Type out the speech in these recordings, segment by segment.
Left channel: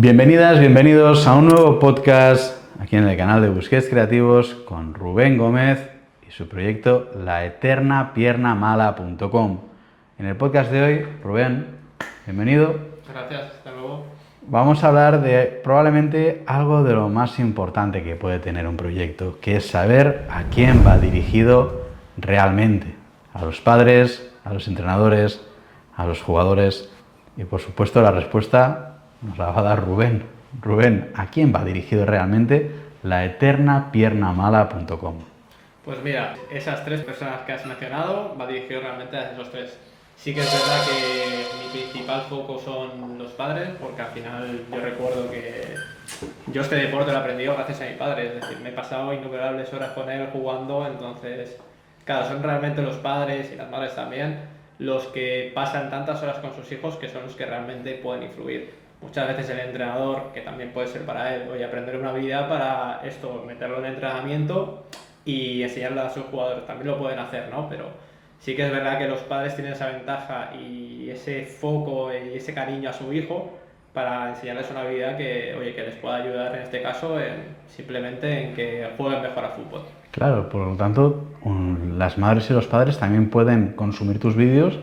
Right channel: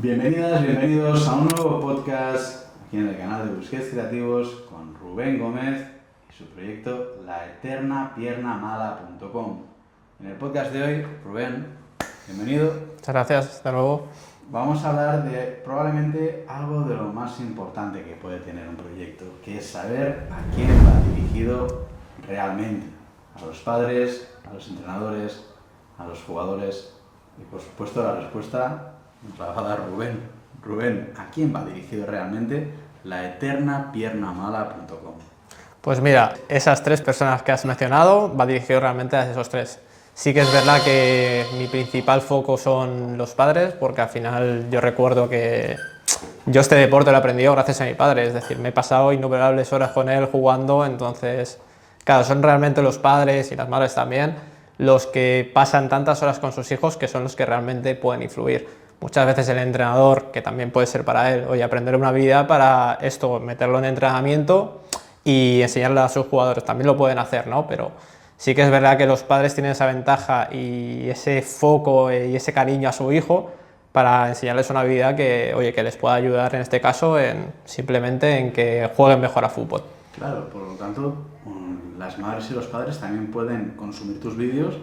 Bienvenidas, bienvenidos a un nuevo podcast aquí en el canal de Busquets Creativos con Rubén Gómez y su proyecto laeternapiernamala.com. En el podcast de hoy, Rubén, bienvenido. Muchas gracias, hasta luego. Vamos a hablar de probablemente algo de lo más importante que puede tener un proyecto, que es saber a quién va dirigido realmente. A los padres, a los entrenadores, a los jugadores y por supuesto la respuesta nos la va a dar Rubén. Rubén, ¿a quién va dirigido realmente laeternapiernamala.com? Pues mira, esas tres personas que has mencionado va dirigido realmente a esos tres. Sí que es verdad que mi principal foco son los padres, porque al final yo recuerdo que yo este deporte lo he aprendido gracias a mi padre, es decir, me he pasado innumerables horas con él jugando, entonces, claro, son realmente los padres y las madres también los que pasan tantas horas con sus hijos que son los que realmente pueden influir. Muchas veces el entrenador, que también puede ser para él, oye, aprender una habilidad para esto, meterlo en entrenamiento y enseñarle a sus jugadores, también lo pueden hacer, ¿no? Pero sí que es verdad que los padres tienen esa ventaja y ese foco y ese cariño a su hijo para enseñarles una habilidad que, oye, que les pueda ayudar en este caso simplemente en que jueguen mejor a fútbol. Claro, por lo tanto, las madres y los padres también pueden consumir tus vídeos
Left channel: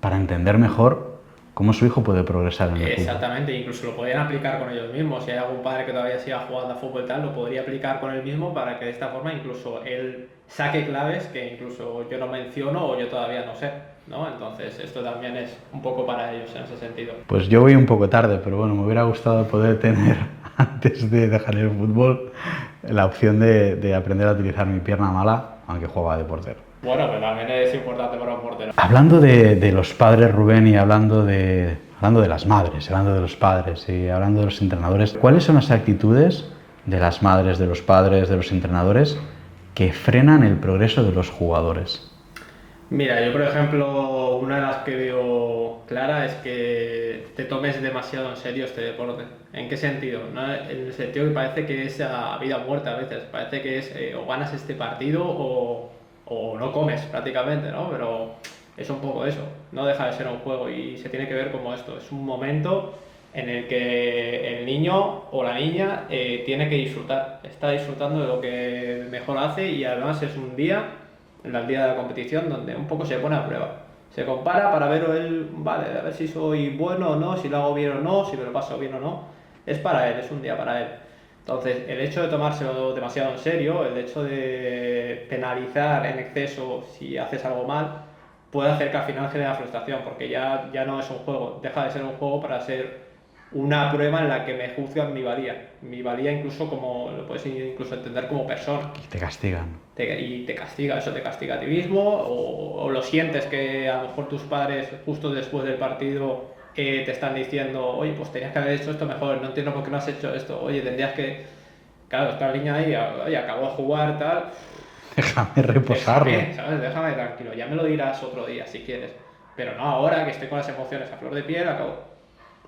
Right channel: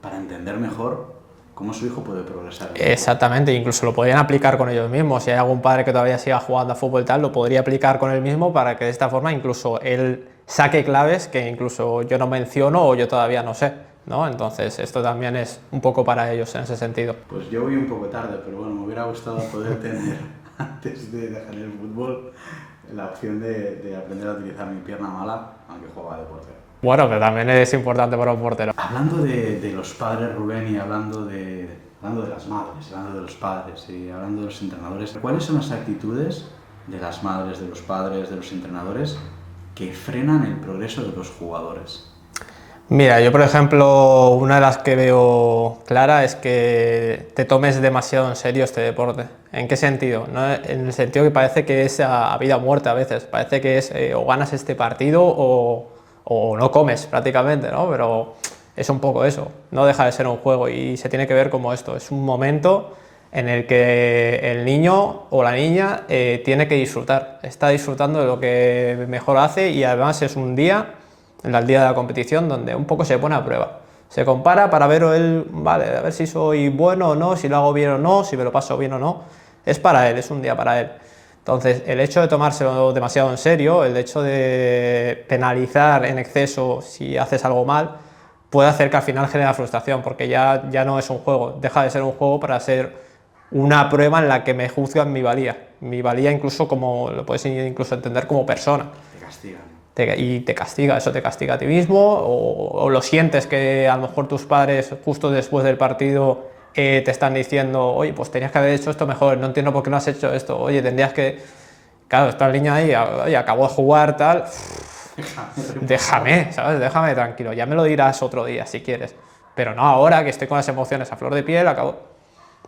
para entender mejor cómo su hijo puede progresar en el fútbol. Exactamente, incluso lo podrían aplicar con ellos mismos. Si hay algún padre que todavía siga jugando a fútbol y tal, lo podría aplicar con él mismo para que de esta forma incluso él saque claves que incluso yo no menciono o yo todavía no sé, ¿no? Entonces esto también es un poco para ellos en ese sentido. Pues yo voy un poco tarde, pero bueno, me hubiera gustado poder tener, antes de dejar el fútbol, la opción de aprender a utilizar mi pierna mala, aunque jugaba de portero. Bueno, que también es importante para un portero. Hablando de los padres, Rubén, y hablando de las madres, hablando de los padres y hablando de los entrenadores, ¿cuáles son las actitudes de las madres, de los padres, de los entrenadores que frenan el progreso de los jugadores? Mira, yo por ejemplo, una de las que veo clara es que te tomes demasiado en serio este deporte. ¿En qué sentido? ¿No? En el sentido que parece que es a vida o muerte a veces, parece que es o ganas este partido o no comes prácticamente, ¿no? Pero es un poco eso, no deja de ser un juego y se tiene que ver como esto, es un momento en el que el niño o la niña tiene que disfrutar, está disfrutando de lo que mejor hace y además es un día, el día de la competición, donde un poco se pone a prueba. Se compara para ver él, vale, a ver si soy bueno o no, si lo hago bien o no, si me lo paso bien o no. Es para él, es un día para él. Entonces, el hecho de tomárselo demasiado en serio, el hecho de penalizar en exceso si haces algo mal, puede hacer que al final genere frustración, porque ya no es un juego, deja de ser un juego para ser una prueba en la que me juzgan mi valía incluso como, lo puedes incluso entender como persona. Te castigan. Y te castiga, eso te castiga a ti mismo, o lo sientes que a lo mejor tus padres justo después del partido te están diciendo, oye, pues tenías que haber hecho esto mejor, no entiendo por qué no has hecho esto, oye, tendrías que... Claro, está el niño ahí, oye, acabó de jugar, tal... Déjame reposar. Déjame, ¿sabes? Déjame tranquilo, ya me lo dirás otro día si quieres, pero no ahora que estoy con las emociones a flor de piel, acabo...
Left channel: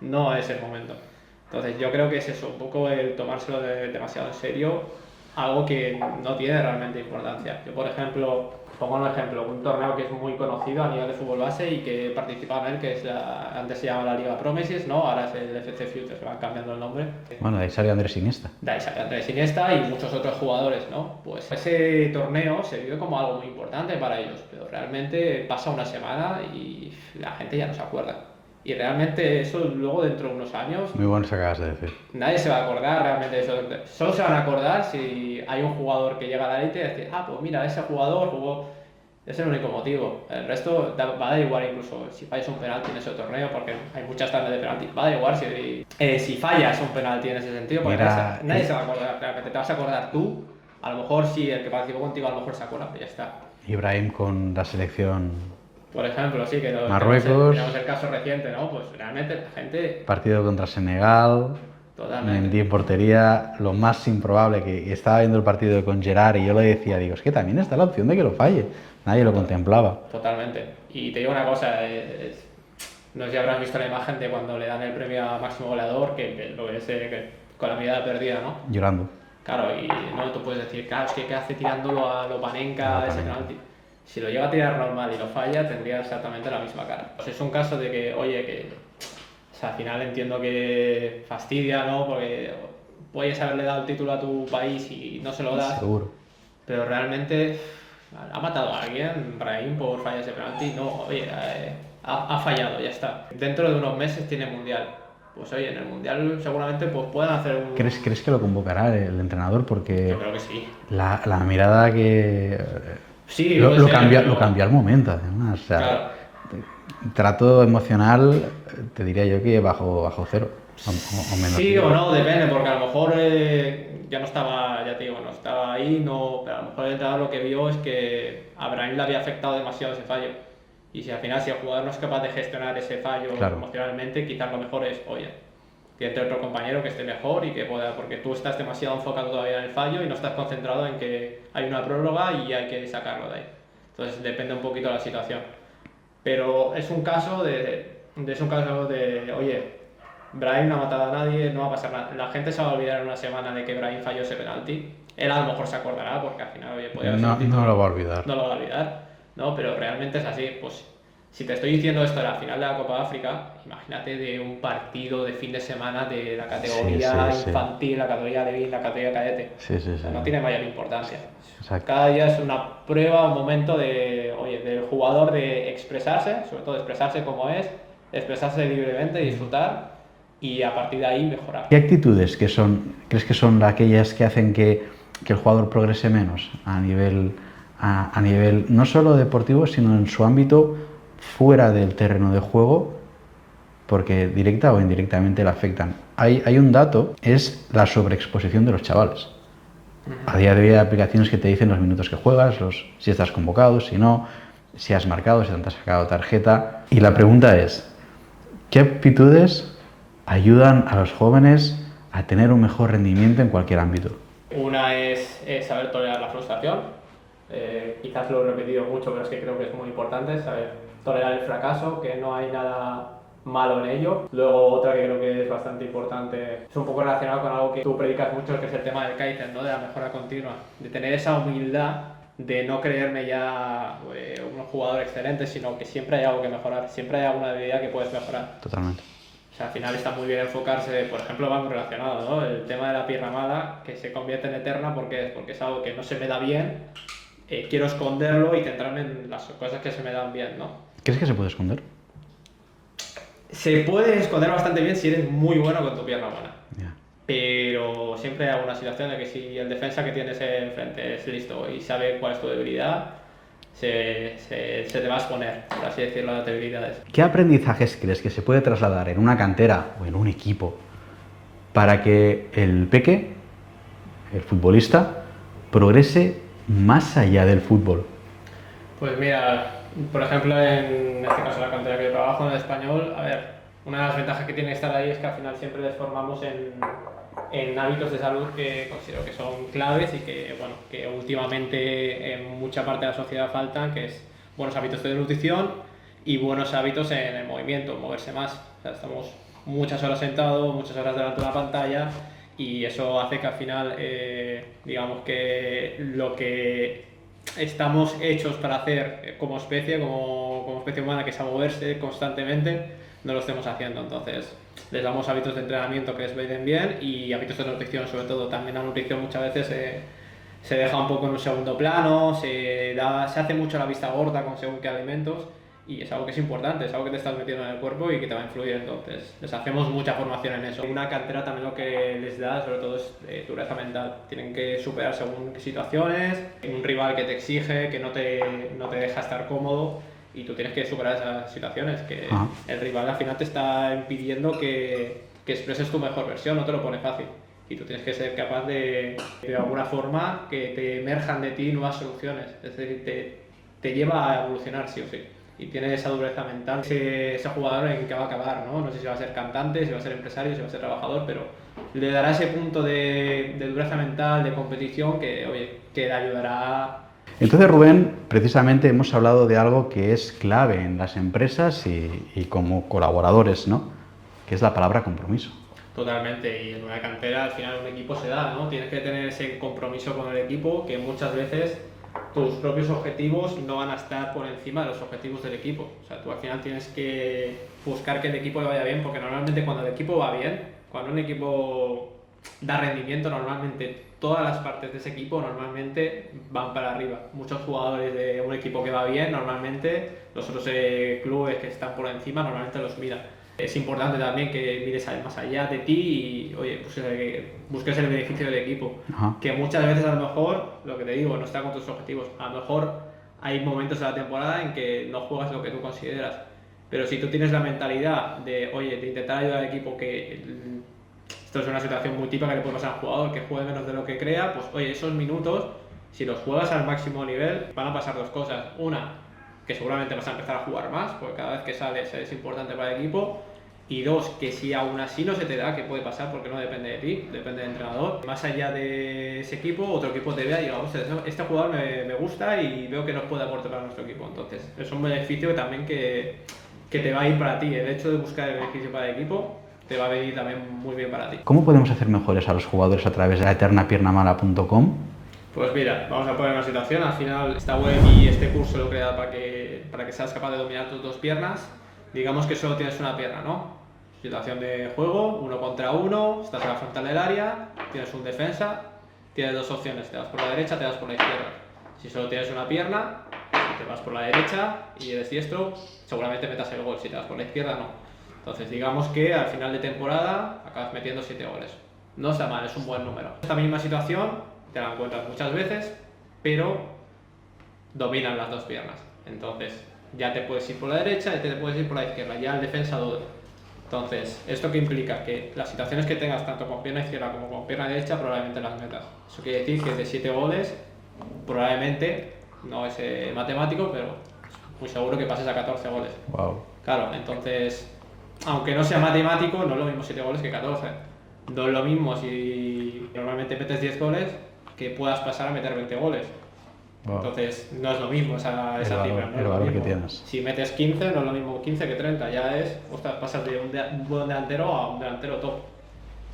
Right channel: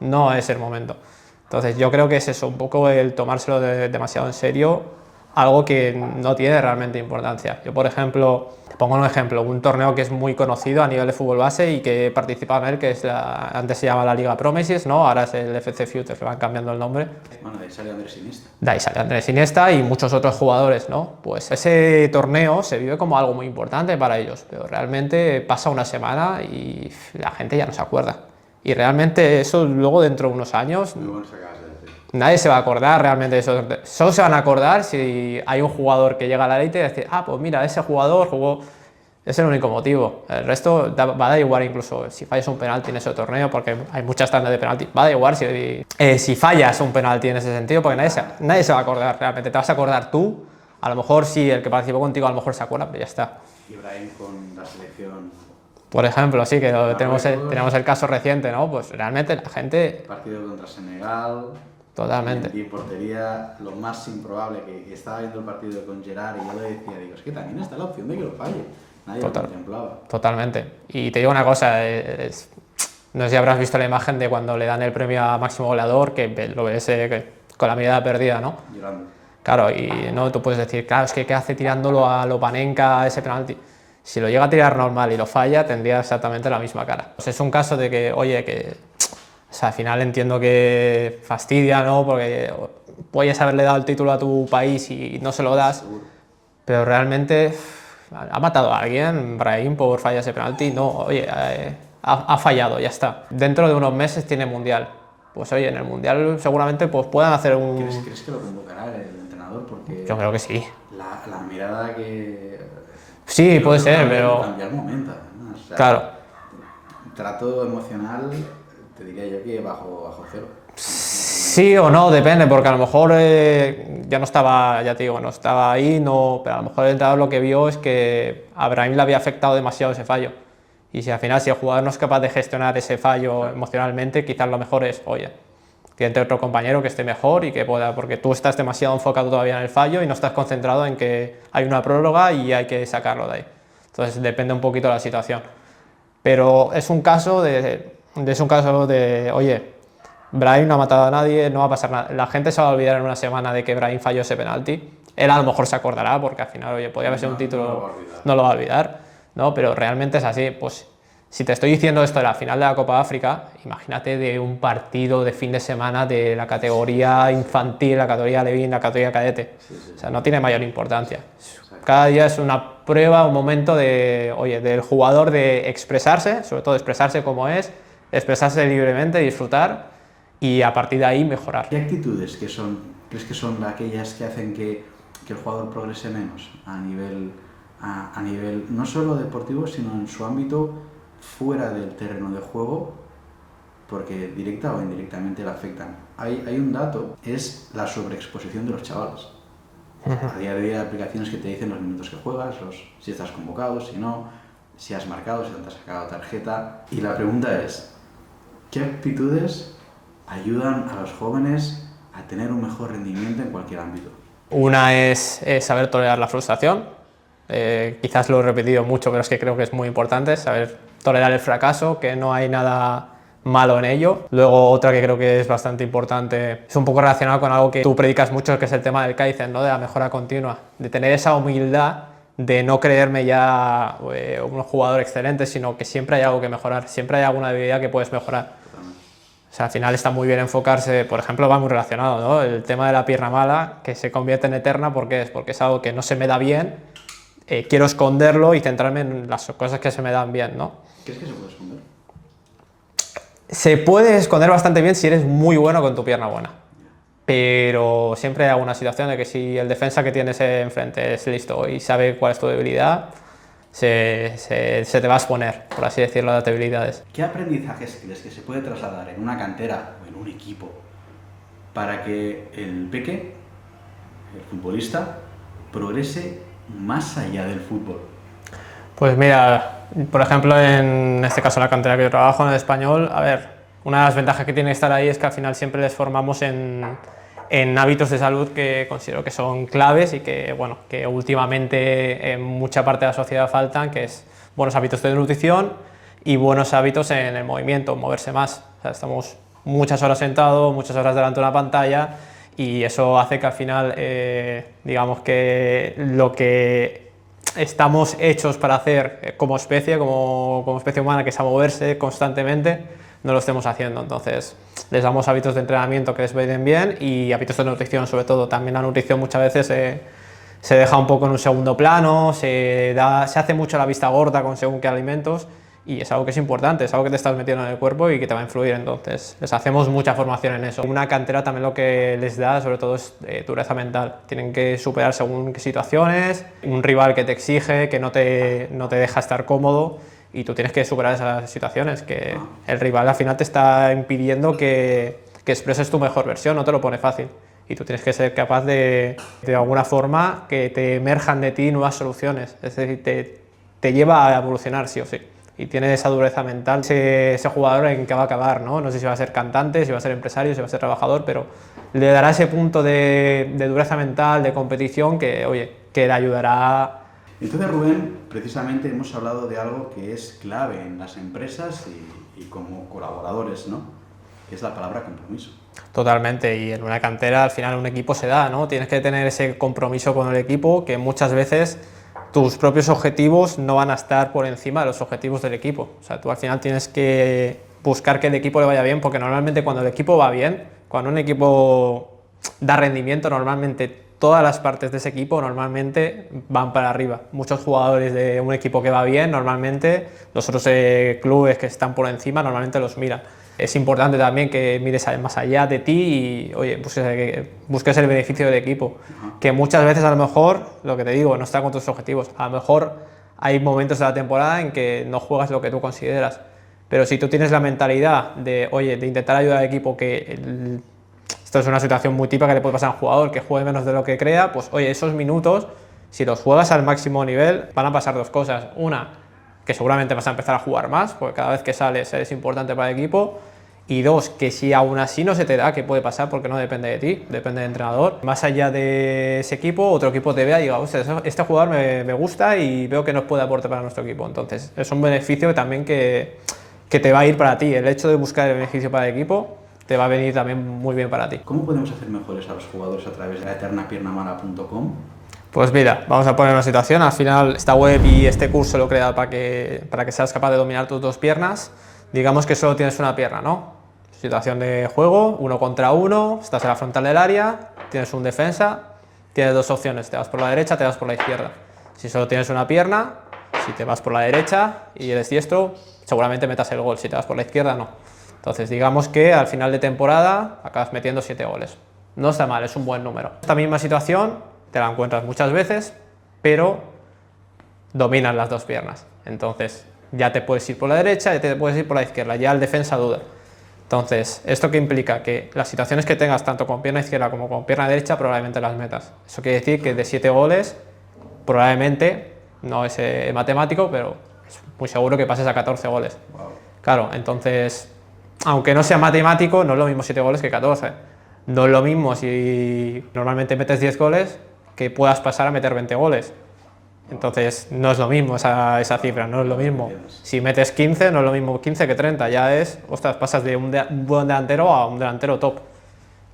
No es el momento. Entonces yo creo que es eso, un poco el tomárselo demasiado en serio, algo que no tiene realmente importancia. Yo, por ejemplo, te pongo un ejemplo, un torneo que es muy conocido a nivel de fútbol base y que he participado en él, que es antes se llamaba la Liga Promises, ¿no? Ahora es el FC Futures, le van cambiando el nombre. Bueno, de ahí salió Andrés Iniesta. De ahí salió Andrés Iniesta y muchos otros jugadores, ¿no? Pues ese torneo se vive como algo muy importante para ellos, pero realmente pasa una semana y la gente ya no se acuerda. Y realmente eso luego dentro de unos años... Muy bueno eso que acabas de decir. Nadie se va a acordar realmente de eso. Solo se van a acordar si hay un jugador que llega a la élite y dice, ah, pues mira, ese jugador jugó... Es el único motivo. El resto va a dar igual incluso si fallas un penalti en ese torneo, porque hay muchas tandas de penalti. Va a dar igual si fallas un penalti en ese sentido, porque nadie se va a acordar realmente. Te vas a acordar tú. A lo mejor sí, el que participó contigo a lo mejor se acuerda, pero ya está. Ibrahim con la selección... Por ejemplo, sí, que tenemos el caso reciente, ¿no? Pues realmente la gente... Partido contra Senegal, Totalmente. Mendy en portería, lo más improbable, que estaba viendo el partido con Gerard y yo le decía, digo, es que también está la opción de que lo falle. Nadie lo contemplaba. Totalmente. Y te digo una cosa, no sé si habrás visto la imagen de cuando le dan el premio a máximo goleador, que lo ves con la mirada perdida, ¿no? Llorando. Claro, y no, tú puedes decir, claro, es que ¿qué hace tirándolo a Lopanenka ese penalti? Si lo llega a tirar normal y lo falla, tendría exactamente la misma cara. Pues es un caso de que, oye, que O sea, al final entiendo que fastidia, ¿no? Porque puedes haberle dado el título a tu país y no se lo das, Seguro. pero realmente ha matado a alguien, Brahim, por fallar ese penalti. No, oye, ha fallado, ya está. Dentro de unos meses tiene Mundial. Pues oye, en el Mundial seguramente pues, puedan hacer un... ¿Crees que lo convocará el entrenador? Porque Yo creo que sí. la mirada que... Sí, puede ser, lo pero... cambió al momento, además. O sea, Claro. trato emocional, te diría yo que bajo cero. Sí o no, depende, porque a lo mejor ya no estaba, ya te digo, no estaba ahí, no, pero a lo mejor el entrenador lo que vio es que a Brahim le había afectado demasiado ese fallo. Y si al final, si el jugador no es capaz de gestionar ese fallo Claro. emocionalmente, quizás lo mejor es, oye, que entre otro compañero que esté mejor y que pueda, porque tú estás demasiado enfocado todavía en el fallo y no estás concentrado en que hay una prórroga y hay que sacarlo de ahí. Entonces depende un poquito de la situación. Pero es un caso de, oye, Brahim no ha matado a nadie, no va a pasar nada. La gente se va a olvidar en una semana de que Brahim falló ese penalti. Él a lo mejor se acordará porque al final, oye, podía haber sido un título. No lo va a olvidar. No lo va a olvidar, ¿no? Pero realmente es así. Pues si te estoy diciendo esto de la final de la Copa África, imagínate de un partido de fin de semana de la categoría Sí, sí, sí. infantil, la categoría Levín, la categoría cadete. Sí, sí, O sea, sí. no tiene mayor importancia. Exacto. Cada día es una prueba, un momento de, oye, del jugador de expresarse, sobre todo expresarse como es, expresarse libremente, disfrutar y a partir de ahí mejorar. ¿Qué actitudes crees que son aquellas que hacen que el jugador progrese menos a nivel no solo deportivo, sino en su ámbito fuera del terreno de juego, porque directa o indirectamente le afectan? Hay un dato, es la sobreexposición de los chavales. A día de hoy hay aplicaciones que te dicen los minutos que juegas, si estás convocado, si no, si has marcado, si te has sacado tarjeta. Y la pregunta es, ¿qué aptitudes ayudan a los jóvenes a tener un mejor rendimiento en cualquier ámbito? Una es saber tolerar la frustración. Quizás lo he repetido mucho, pero es que creo que es muy importante saber tolerar el fracaso, que no hay nada malo en ello. Luego otra que creo que es bastante importante, es un poco relacionado con algo que tú predicas mucho, que es el tema del Kaizen, ¿no? De la mejora continua, de tener esa humildad de no creerme ya un jugador excelente, sino que siempre hay algo que mejorar, siempre hay alguna debilidad que puedes mejorar. Totalmente. O sea, al final está muy bien enfocarse, por ejemplo, va muy relacionado, ¿no? El tema de la pierna mala, que se convierte en eterna, porque es algo que no se me da bien, quiero esconderlo y centrarme en las cosas que se me dan bien, ¿no? ¿Crees que se puede esconder? Se puede esconder bastante bien si eres muy bueno con tu pierna buena. Ya. Pero siempre hay alguna situación de que si el defensa que tienes enfrente es listo y sabe cuál es tu debilidad, se te va a exponer, por así decirlo, las debilidades. ¿Qué aprendizajes crees que se puede trasladar en una cantera o en un equipo para que el peque, el futbolista, progrese más allá del fútbol? Pues mira, por ejemplo, en este caso en la cantera que yo trabajo, en el Español, a ver, una de las ventajas que tiene estar ahí es que al final siempre les formamos en hábitos de salud que considero que son claves y que, bueno, que últimamente en mucha parte de la sociedad faltan, que es buenos hábitos de nutrición y buenos hábitos en el movimiento, moverse más. O sea, estamos muchas horas sentados, muchas horas delante de una pantalla y eso hace que al final, digamos que lo que estamos hechos para hacer como especie, como especie humana, que es a moverse constantemente, no lo estemos haciendo. Entonces les damos hábitos de entrenamiento que les vayan bien y hábitos de nutrición, sobre todo. También la nutrición muchas veces se deja un poco en un segundo plano, se hace mucho la vista gorda con según qué alimentos y es algo que es importante, es algo que te estás metiendo en el cuerpo y que te va a influir. Entonces les hacemos mucha formación en eso. Una cantera también lo que les da sobre todo es dureza mental. Tienen que superar según qué situaciones, un rival que te exige, que no te deja estar cómodo y tú tienes que superar esas situaciones, que el rival al final te está impidiendo que expreses tu mejor versión, no te lo pone fácil. Y tú tienes que ser capaz de alguna forma, que te emerjan de ti nuevas soluciones. Es decir, te lleva a evolucionar sí o sí. Y tiene esa dureza mental, ese jugador en que va a acabar, ¿no? No sé si va a ser cantante, si va a ser empresario, si va a ser trabajador, pero le dará ese punto de dureza mental, de competición, que, oye, que le ayudará. Entonces, Rubén, precisamente hemos hablado de algo que es clave en las empresas y como colaboradores, ¿no? Que es la palabra compromiso. Totalmente, y en una cantera al final un equipo se da, ¿no? Tienes que tener ese compromiso con el equipo, que muchas veces tus propios objetivos no van a estar por encima de los objetivos del equipo. O sea, tú al final tienes que buscar que el equipo le vaya bien, porque normalmente cuando el equipo va bien, cuando un equipo da rendimiento, normalmente todas las partes de ese equipo normalmente van para arriba. Muchos jugadores de un equipo que va bien, normalmente los otros clubes que están por encima, normalmente los miran. Es importante también que mires más allá de ti y, oye, busques el beneficio del equipo. Ajá. Que muchas veces a lo mejor, lo que te digo, no está con tus objetivos. A lo mejor hay momentos de la temporada en que no juegas lo que tú consideras. Pero si tú tienes la mentalidad de, oye, de intentar ayudar al equipo, esto es una situación muy típica que le puede pasar a un jugador que juegue menos de lo que crea, pues oye, esos minutos, si los juegas al máximo nivel, van a pasar dos cosas. Una, que seguramente vas a empezar a jugar más, porque cada vez que sales eres importante para el equipo. Y dos, que si aún así no se te da, que puede pasar porque no depende de ti, depende del entrenador, más allá de ese equipo, otro equipo te vea y diga, "Hostia, este jugador me gusta y veo que nos puede aportar para nuestro equipo". Entonces, es un beneficio también que te va a ir para ti. El hecho de buscar el beneficio para el equipo te va a venir también muy bien para ti. ¿Cómo podemos hacer mejores a los jugadores a través de la eternapiernamala.com? Pues mira, vamos a poner una situación. Al final, esta web y este curso lo he creado para que seas capaz de dominar tus dos piernas. Digamos que solo tienes una pierna, ¿no? Situación de juego, 1 contra 1, estás en la frontal del área, tienes un defensa, tienes dos opciones, te vas por la derecha, te vas por la izquierda. Si solo tienes una pierna, si te vas por la derecha y eres diestro, seguramente metas el gol, si te vas por la izquierda, no. Entonces, digamos que al final de temporada acabas metiendo 7 goles. No está mal, es un buen número. Esta misma situación te la encuentras muchas veces, pero dominas las dos piernas. Entonces, ya te puedes ir por la derecha, ya te puedes ir por la izquierda, ya el defensa duda. Entonces, ¿esto qué implica? Que las situaciones que tengas tanto con pierna izquierda como con pierna derecha probablemente las metas. Eso quiere decir que de 7 goles, probablemente, no es matemático, pero es muy seguro que pases a 14 goles. Wow. Claro, entonces, aunque no sea matemático, no es lo mismo 7 goles que 14. No es lo mismo si normalmente metes 10 goles que puedas pasar a meter 20 goles. Wow. Entonces, no es lo mismo esa cifra, no es lo mismo. Si metes 15, no es lo mismo 15 que 30. Ya es, ostras, pasas de un buen delantero a un delantero top.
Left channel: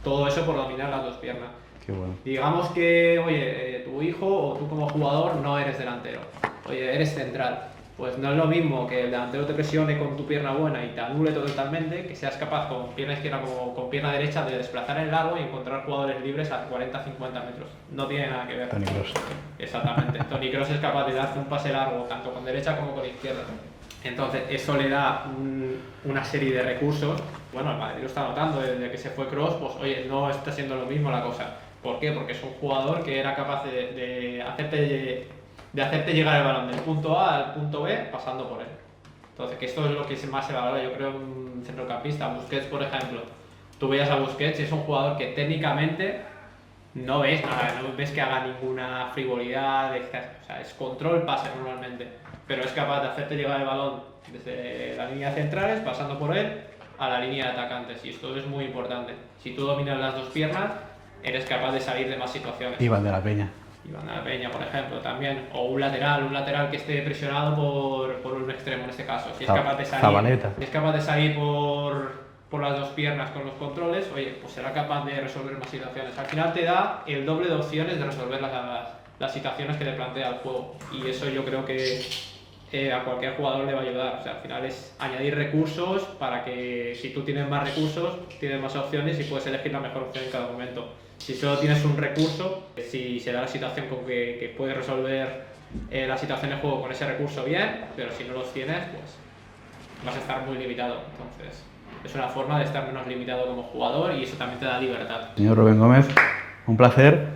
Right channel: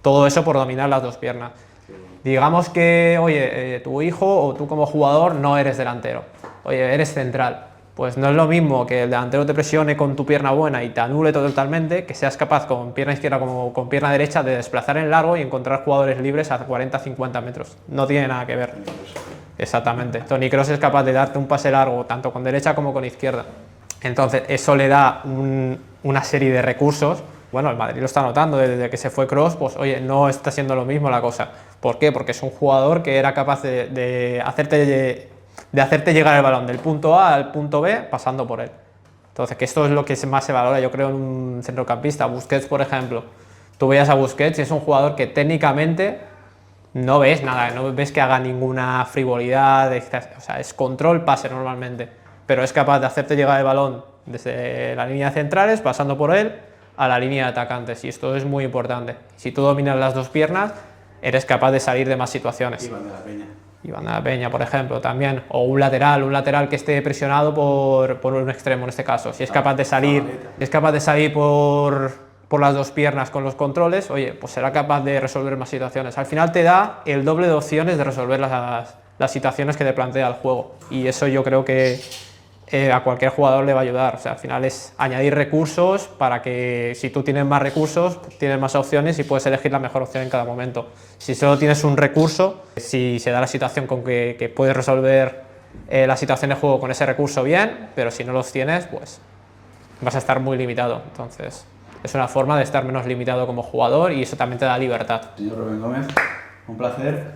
Todo eso por dominar las dos piernas. Qué bueno. Digamos que, oye, tu hijo o tú como jugador no eres delantero. Oye, eres central. Pues no es lo mismo que el delantero te presione con tu pierna buena y te anule totalmente, que seas capaz con pierna izquierda como con pierna derecha de desplazar en largo y encontrar jugadores libres a 40-50 metros. No tiene nada que ver. Toni Kroos. Exactamente. Toni Kroos es capaz de darte un pase largo, tanto con derecha como con izquierda. Entonces, eso le da una serie de recursos. Bueno, el Madrid lo está notando desde que se fue Kroos, pues oye, no está siendo lo mismo la cosa. ¿Por qué? Porque es un jugador que era capaz de hacerte llegar el balón del punto A al punto B pasando por él. Entonces, que esto es lo que más se valora, yo creo, en un centrocampista. Busquets, por ejemplo. Tú veías a Busquets y es un jugador que técnicamente no ves nada, no ves que haga ninguna frivolidad, o sea, es control, pase normalmente, pero es capaz de hacerte llegar el balón desde la línea de centrales, pasando por él, a la línea de atacantes, y esto es muy importante. Si tú dominas las dos piernas, eres capaz de salir de más situaciones. Iván de la Peña. Iván de la Peña, por ejemplo, también, o un lateral que esté presionado por un extremo en este caso. Si es capaz de salir, por las dos piernas con los controles, oye, pues será capaz de resolver más situaciones. Al final te da el doble de opciones de resolver las situaciones que te plantea el juego. Y eso yo creo que a cualquier jugador le va a ayudar. O sea, al final es añadir recursos para que si tú tienes más recursos, pues tienes más opciones y puedes elegir la mejor opción en cada momento. Si solo tienes un recurso, si se da la situación con que puedes resolver la situación de juego con ese recurso bien, pero si no los tienes, pues vas a estar muy limitado. Entonces, es una forma de estar menos limitado como jugador y eso también te da libertad. Señor Rubén Gómez, un placer.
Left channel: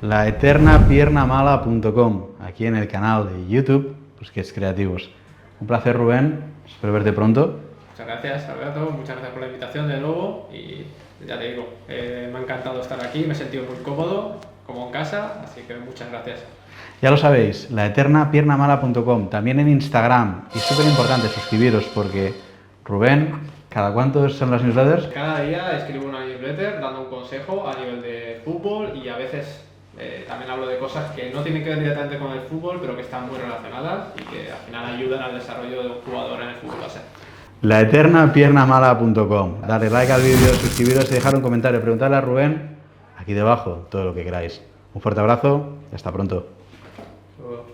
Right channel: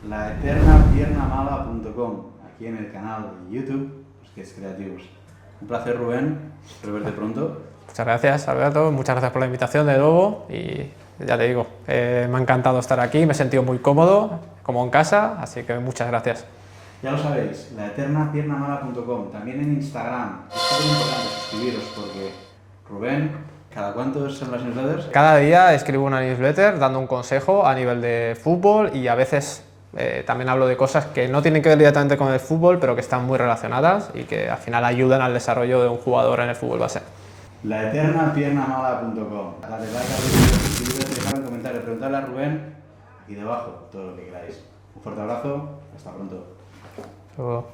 Laeternapiernamala.com, aquí en el canal de YouTube, pues que es Creativos. Un placer, Rubén. Espero verte pronto. Muchas gracias, Alberto. Muchas gracias por la invitación de nuevo y ya te digo, me ha encantado estar aquí, me he sentido muy cómodo, como en casa, así que muchas gracias. Ya lo sabéis, laeternapiernamala.com, también en Instagram. Y es súper importante suscribiros porque Rubén, ¿cada cuántos son las newsletters? Cada día escribo una newsletter dando un consejo a nivel de fútbol y a veces también hablo de cosas que no tienen que ver directamente con el fútbol, pero que están muy relacionadas y que al final ayudan al desarrollo de un jugador en el fútbol base. Laeternapiernamala.com. Dale like al vídeo, suscribiros y dejar un comentario. Preguntarle a Rubén aquí debajo todo lo que queráis. Un fuerte abrazo y hasta pronto. Hasta luego.